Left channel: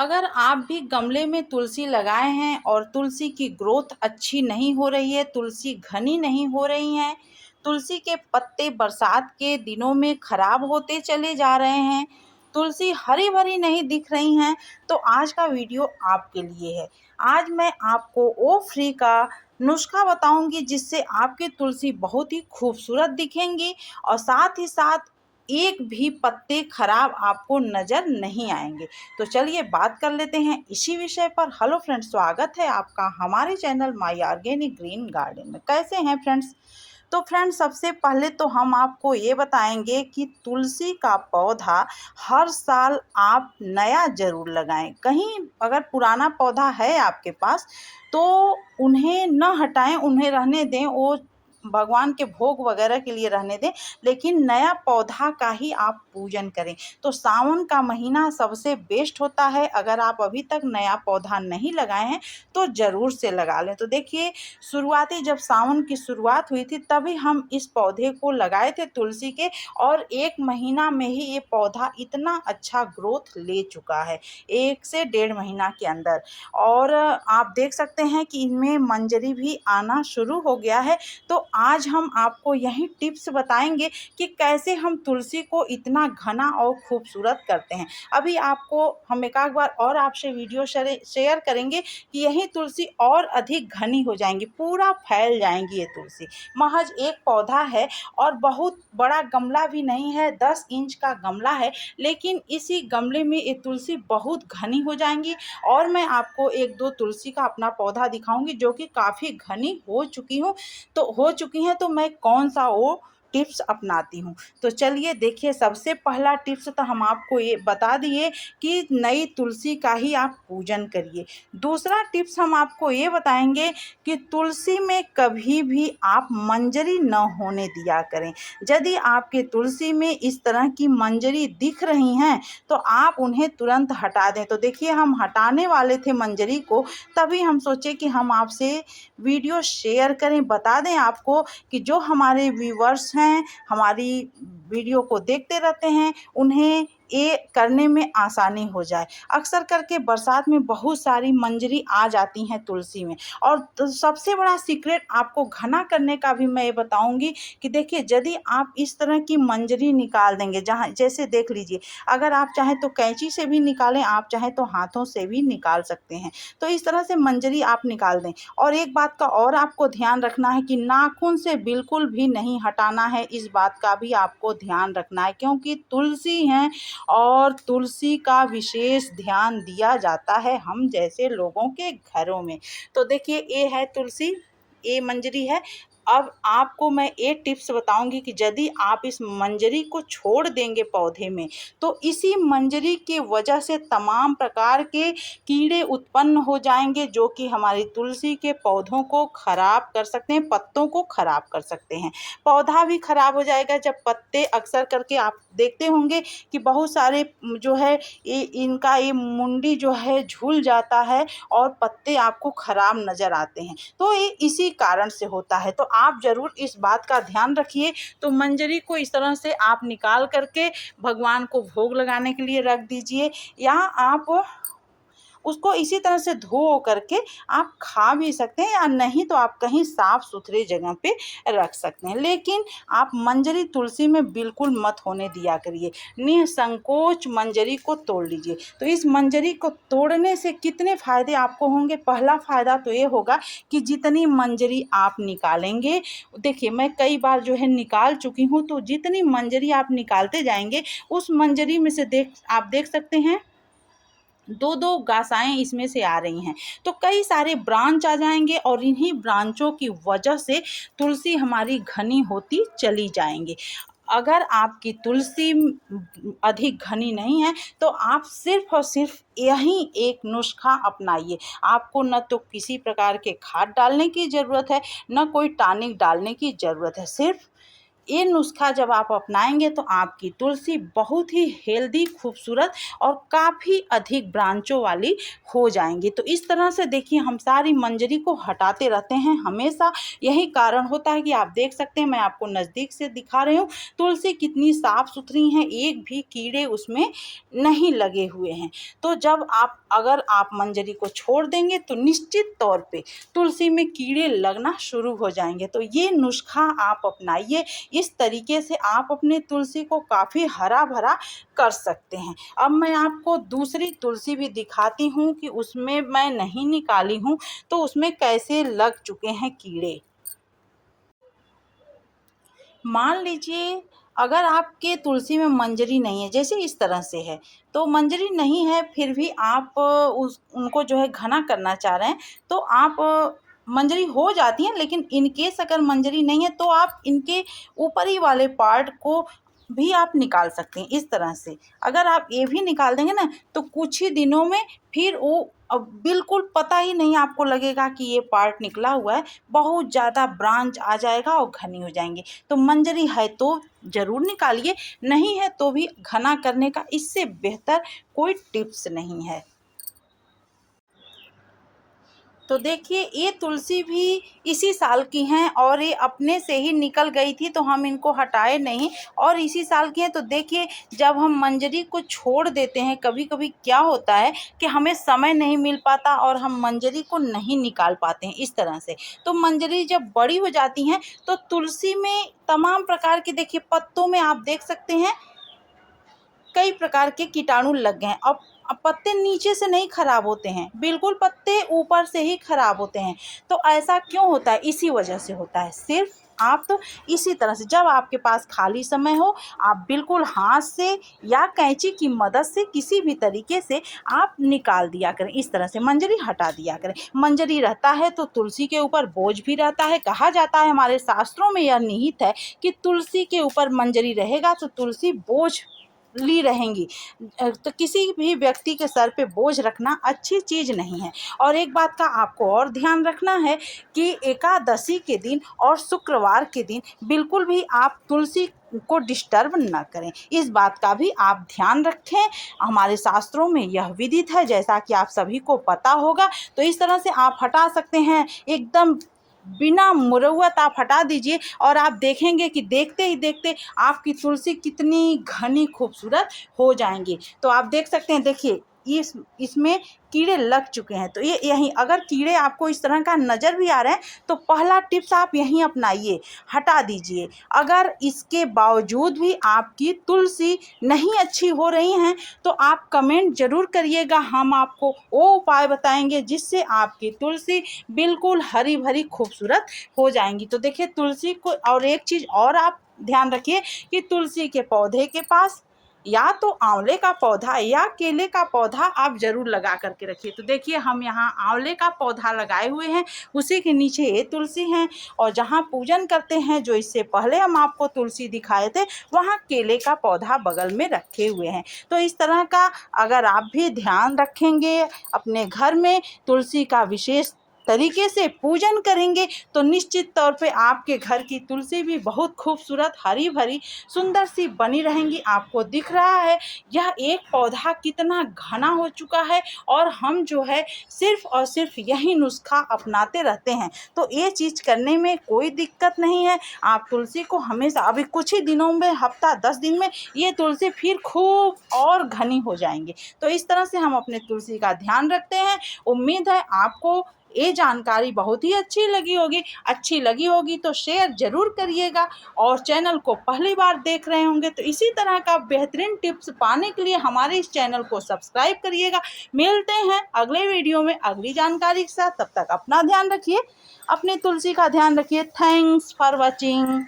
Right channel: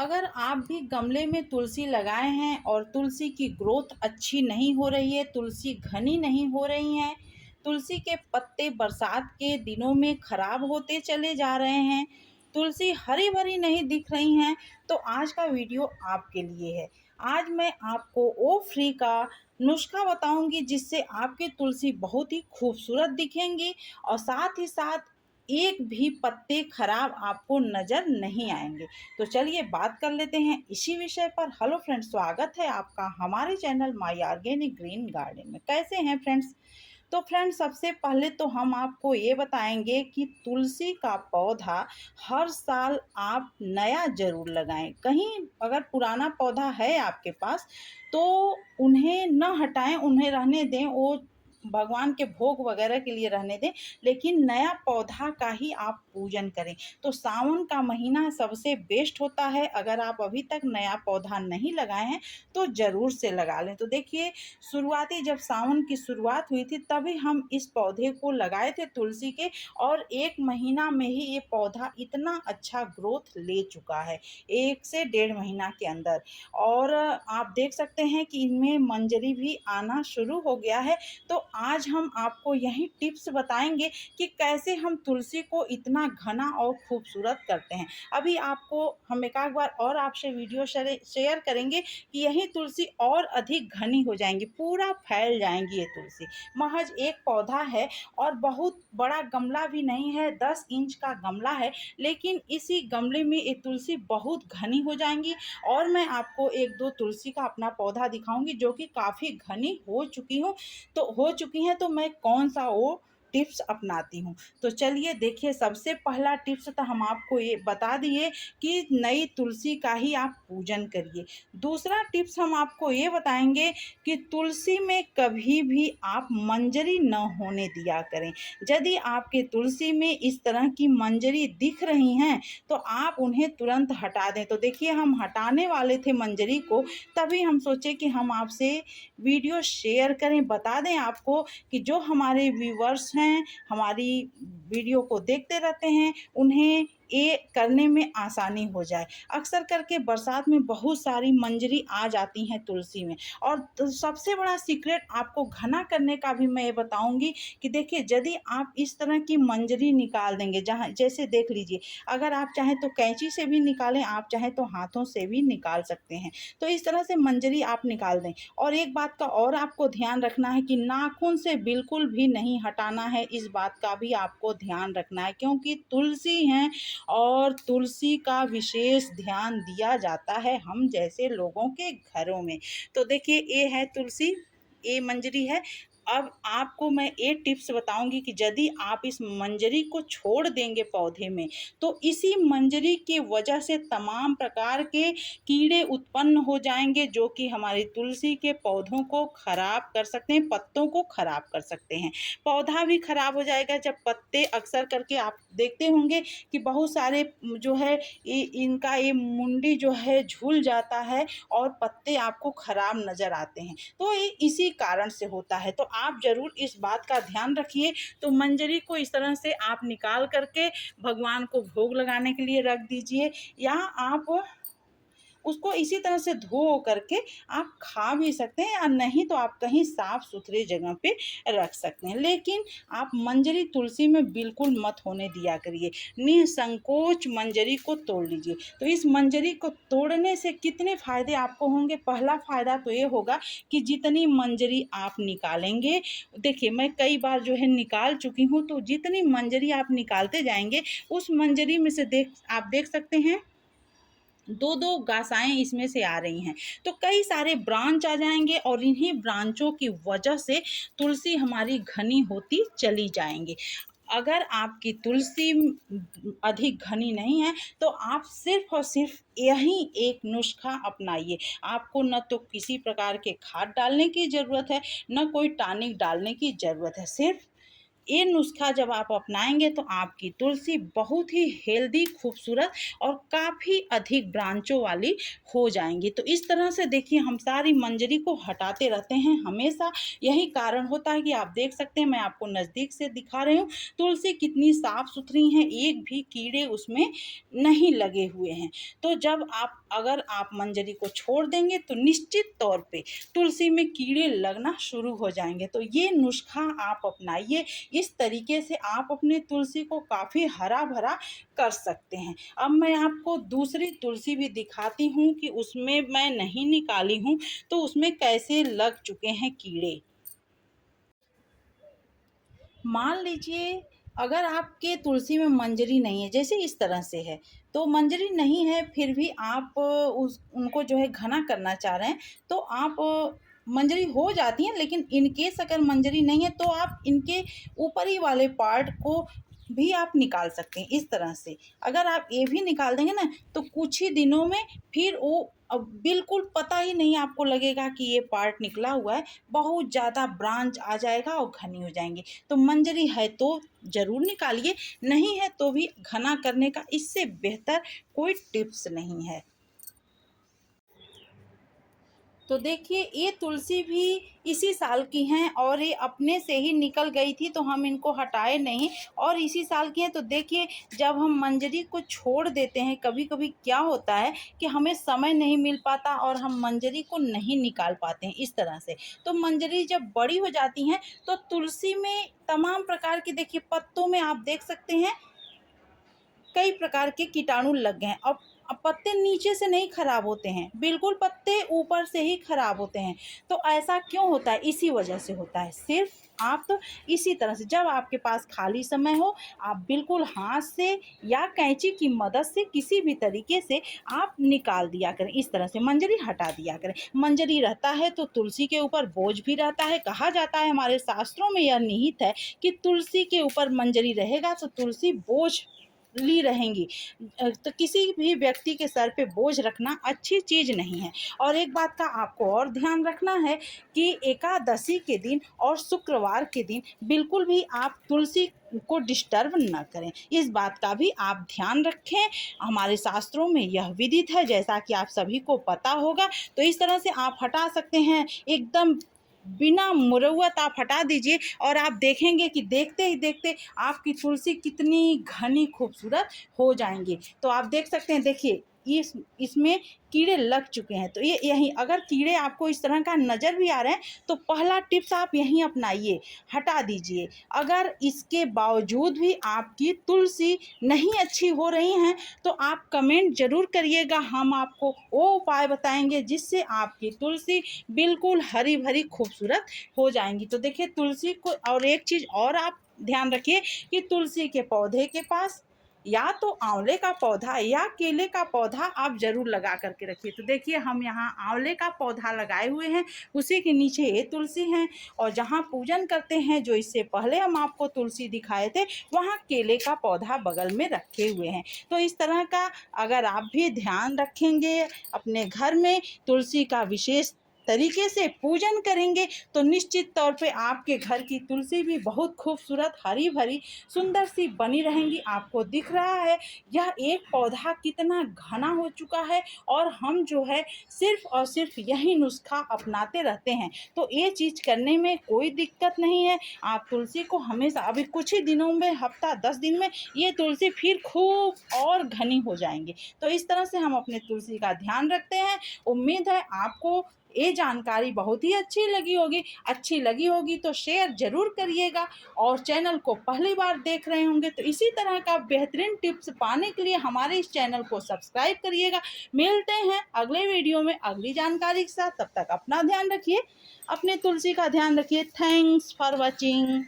अगर आप भी गमले में तुलसी लगाए हैं और तुलसी की ग्रोथ अच्छी नहीं हो रही है, तुलसी घनी नहीं हो रही हैं, तुलसी के पत्ते बरसात के दिनों में खराब होते चले जा रहे हैं, तुलसी हरी भरी नहीं दिख रही हैं, तो आज का वीडियो आपके लिए है। आज मैं आपको ओ फ्री का नुस्खा बताऊंगी जिससे आपकी तुलसी बहुत ही खूबसूरत दिखेंगी और साथ ही साथ एक भी पत्ते खराब आपको नजर नहीं आएंगे। तो चलिए बात कर लेते हैं इसी विषय पर। हेलो फ्रेंड्स, स्वागत है आपका हमारे channel my organic green garden में। कैसे हैं फ्रेंड्स? तो फ्रेंड्स, सबसे पहले तो हम आपको ये बताएंगे कि तुलसी का पौधा हर साल आप नया ज़रूर लगाएं। कहीं अगर पुराना पौधा है आपके पास तो उन्हें न हटाएं, उन्हें रहने दें, वो भगवान के भोग वगैरह के लिए रहने दें, लेकिन नया पौधा का ही आप पूजन करें। तो सावन का महीना सबसे बेस्ट होता है। अगर आप अभी तक नया पौधा नहीं लगाए हैं तो ज़रूर से लगा लें। तो देखिए, शुरुआती जब सावन की शुरुआत हुई थी तभी हम इस पौधे को लगाए थे तुलसी के, और 1 महीना में ही ये पौधा इतना अच्छा ग्रोथ ले चुका है, 1 से 1.5 महीना के अंदर। और आप देख सकते हैं कि इनमें मंजरी भी आना शुरू हो गया है। तो आज हम आपको यही टिप्स बताएंगे कि कैसे हम तुलसी को इतना घना और खूबसूरत करते हैं। अभी आपको हम एक आध बार और आपसे वीडियो शेयर करेंगे कि यही तुलसी और अधिक घनी हो जाएंगी, पूरा फैल जाएंगी। ये तुलसी महज एक पौधा है और बहुत बड़ा गमला भी नहीं है, 10 इंच का गमला है, लेकिन इसी गमले में ये तुलसी बहुत घनी हो जाएंगी। और मैं आपको एक दो तुलसी का अपना पौधा दिखाऊंगी जो कि काफ़ी घनी हो चुकी हैं, तो मैं कौन सा वो टिप्स अपनाती हूँ। तो चलिए देखिए, सबसे पहला टिप्स तो हम आपको ये बता दिए कि नई तुलसी का ही आप पूजन करिए। दूसरा टिप्स हम आपको ये बताएंगे कि तुलसी में कभी भी आप मंजरी न होने दिया करें। यदि आपके तुलसी में इस तरह की मंजरी दिख रही हैं तो आप उन्हें तुरंत हटा दें। तो देखिए, हम हटाने वाले थे मंजरी को, तभी हम सोचे कि हम आपसे वीडियो शेयर करें, बता दें आपको कि जो हमारे व्यूवर्स हैं, हमारी वीडियो को देखते रहते हैं, उन्हें ये करने में आसानी हो जाए। अक्सर करके बरसात में बहुत सारी मंजरी आ जाती हैं तुलसी में। और तो सबसे बड़ा सीक्रेट आपको घना करने का भी मैं ये बताऊंगी कि देखिए, यदि आप इस तरह की मंजरी निकाल देंगे, जहाँ जैसे देख लीजिए, अगर आप चाहें तो कैंची से भी निकालें, आप चाहें तो हाथों से भी निकाल सकते हैं। तो इस तरह से मंजरी आप निकाल दें। और एक बात का और आपको ध्यान रखना है कि नाखून से बिल्कुल भी नहीं हटाना है, इस बात का भी आपको ध्यान रखना है, क्योंकि तुलसी हैं और तुलसी का विशेष ध्यान दिया जाता है हम जैसे लोगों के घरों में। तो देखिए, ये है तुलसी, ये मंजरी है। अब आपको मैं एक टिप्स बताऊंगी कि यदि आप इस मंजरी को छोड़ देंगे पौधे में तो इसी मंजरी की वजह से तमाम प्रकार के कीड़े उत्पन्न हो जाएंगे जो कि हमारी तुलसी के पौधों को खराब कर सकते हैं, पत्तों को खराब कर सकते हैं। पौधा भी खराब हो जाएगा जब पत्ते, अक्सर करके आप देखते होंगे कि बहुत सारे जो है इनका ये मुंडी जो है झूल जाता है और पत्ते आपको खराब नज़र आते हैं। तो ये इसी कारण से होता है। तो आप ज़रूर इस बात का ध्यान रखिए। तो मंजरी को इस तरह से आप निकाल करके भगवान को भोग लगाने के लिए रख दीजिए, या आप उसको इसी तरह से धो करके आप खा भी सकते हैं, या नहीं तो आप कहीं साफ सुथरे जगह पे रख सकते हैं। लेकिन आप मंजरी तुलसी में बिल्कुल मत होने दिया करिए, निसंकोच मंजरी को तोड़ लीजिए। तो इस मंजरी को तोड़ने से कितने फ़ायदे आपको होंगे? पहला फ़ायदा तो ये होगा कि जितनी मंजरी आप निकालेंगे, देखिए मैं कई बार जो है निकाल चुकी हूँ, तो जितनी मंजरी आप निकालते जाएंगे उस मंजरी में से आप देख सकते हैं दो दो गासाएं इसमें से आ रही हैं। तो कई सारे ब्रांच आ जाएंगे और इन्हीं ब्रांचों की वजह से तुलसी हमारी घनी होती चली जाएंगी। अगर आपकी तुलसी अधिक घनी नहीं है तो आप सिर्फ और सिर्फ यही एक नुस्खा अपनाइए। आपको न तो किसी प्रकार के खाद डालने की ज़रूरत है, न कोई टॉनिक डालने की ज़रूरत है। सिर्फ ये नुस्खा जब आप अपनाएंगे तो आपकी तुलसी बहुत ही हेल्दी, खूबसूरत और काफ़ी अधिक ब्रांचों वाली हो जाएंगी। तो इस तरह से देखिए हम सारी मंजरी को हटाते रहते हैं हमेशा। यही कारण होता है कि आप देख सकते हैं, मैं आपको नज़दीक से दिखा रही हूँ, तुलसी कितनी साफ़ सुथरी हैं, एक भी कीड़े उसमें नहीं लगे हुए हैं। तो जब आप अगर आप मंजरी को छोड़ देंगे तो निश्चित तौर पे तुलसी में कीड़े लगना शुरू हो जाएंगे। तो ये नुस्खा आप अपनाइए, इस तरीके से आप अपने तुलसी को काफ़ी हरा भरा कर सकते हैं। अब मैं आपको दूसरी तुलसी भी दिखाती हूँ कि उसमें मैं नहीं निकाली हूँ तो उसमें कैसे लग चुके हैं कीड़े। मान लीजिए अगर आपके तुलसी में मंजरी नहीं है, जैसे इस तरह से है, तो मंजरी नहीं है फिर भी आप उस उनको जो है घना करना चाह रहे हैं, तो आप मंजरी हो जाती हैं, लेकिन इन केस अगर मंजरी नहीं है तो आप इनके ऊपरी वाले पार्ट को भी आप निकाल सकते हैं इस तरह से। अगर आप ये भी निकाल देंगे ना तो कुछ ही दिनों में फिर वो अब बिल्कुल पता ही नहीं आपको लगेगा कि ये पार्ट निकला हुआ है, बहुत ज़्यादा ब्रांच आ जाएगा और घनी हो जाएंगे। तो मंजरी है तो ज़रूर निकालिए, नहीं है तो भी घना करने का इससे बेहतर कोई टिप्स नहीं है। तो देखिए ये तुलसी भी इसी साल की हैं और ये अपने से ही निकल गई थी तो हम इनको हटाए नहीं, और इसी साल की हैं। तो देखिए जब हम मंजरी को छोड़ देते हैं, कभी कभी क्या होता है कि हमें समय नहीं मिल पाता और हम मंजरी को नहीं निकाल पाते हैं इस तरह से। तो मंजरी जब बड़ी हो जाती हैं तो तुलसी में तमाम प्रकार के, देखिए पत्तों में आप देख सकते हैं कई प्रकार के कीटाणु लग गए हैं। अब पत्ते नीचे से नहीं खराब होते हैं, बिल्कुल पत्ते ऊपर से ही खराब होते हैं। तो ऐसा क्यों होता है? इसी वजह से होता है। सिर्फ आप तो इसी तरह से जब आपके पास खाली समय हो, आप बिल्कुल हाथ से या कैंची की मदद से किसी भी तरीके से आप निकाल दिया करें, इस तरह से मंजरी हटा दिया करें। मंजरी रहता है तो तुलसी के ऊपर बोझ भी रहता है। कहा जाता है, हमारे शास्त्रों में यह निहित है कि तुलसी के ऊपर मंजरी रहेगा तो तुलसी बोझ ली रहेंगी। तो किसी भी व्यक्ति के सर पे बोझ रखना अच्छी चीज़ नहीं है। और एक बात का आपको और ध्यान रखना है कि एकादशी के दिन और शुक्रवार के दिन बिल्कुल भी आप तुलसी को डिस्टर्ब ना करें, इस बात का भी आप ध्यान रखें। हमारे शास्त्रों में यह विदित है, जैसा कि आप सभी को पता होगा। तो इस तरह से आप हटा सकते हैं, एकदम बिना मुरौवत आप हटा दीजिए और आप देखेंगे कि देखते ही देखते आपकी तुलसी कितनी घनी खूबसूरत हो जाएंगी। तो आप देख सकते हैं, देखिए इसमें कीड़े लग चुके हैं। तो ये यहीं अगर कीड़े आपको इस तरह का नज़र भी आ रहे हैं तो पहला टिप्स आप यहीं अपनाइए, हटा दीजिए। अगर इसके बावजूद भी आपकी तुलसी नहीं अच्छी हो रही हैं तो आप कमेंट ज़रूर करिएगा, हम आपको वो उपाय बताएंगे जिससे आपकी तुलसी बिल्कुल हरी भरी खूबसूरत हो जाएंगी। तो देखिए तुलसी को, और एक चीज़ और आप ध्यान रखिए कि तुलसी के पौधे के पास या तो आंवले का पौधा या केले का पौधा आप ज़रूर लगा करके रखिए। तो देखिए हम यहाँ आंवले का पौधा लगाए हुए हैं, उसी के नीचे ये तुलसी हैं, और जहाँ पूजन करते हैं, जो इससे पहले हम आपको तुलसी दिखाए थे, वहाँ केले का पौधा बगल में रखे हुए हैं। तो इस तरह का अगर आप भी ध्यान रखेंगे, अपने घर में तुलसी का विशेष तरीके से पूजन करेंगे तो निश्चित तौर पे आपके घर की तुलसी भी बहुत खूबसूरत, हरी भरी, सुंदर सी बनी रहेंगी। आपको दिख रहा है यह एक पौधा कितना घना हो चुका है, और हम जो है सिर्फ और सिर्फ यही नुस्खा अपनाते रहते हैं। तो ये चीज़ करने में कोई दिक्कत नहीं है। आप तुलसी को हमेशा, अभी कुछ ही दिनों में, हफ्ता 10 दिन में ये तुलसी फिर खूब और घनी हो जाएंगी। तो इस तरह से हम अपने तुलसी का ध्यान रखते हैं। उम्मीद है आपको ये जानकारी बहुत ही अच्छी लगी होगी तो शेयर ज़रूर करिएगा, और चैनल को पहली बार देख रहे होंगे तो इसी तरह का बेहतरीन टिप्स पाने के लिए हमारे इस चैनल को सब्सक्राइब करिएगा। मिलते हैं अगले वीडियो में अगली जानकारी के साथ, तब तक अपना ध्यान रखिए, अपने तुलसी का ध्यान रखिए। Thanks for watching.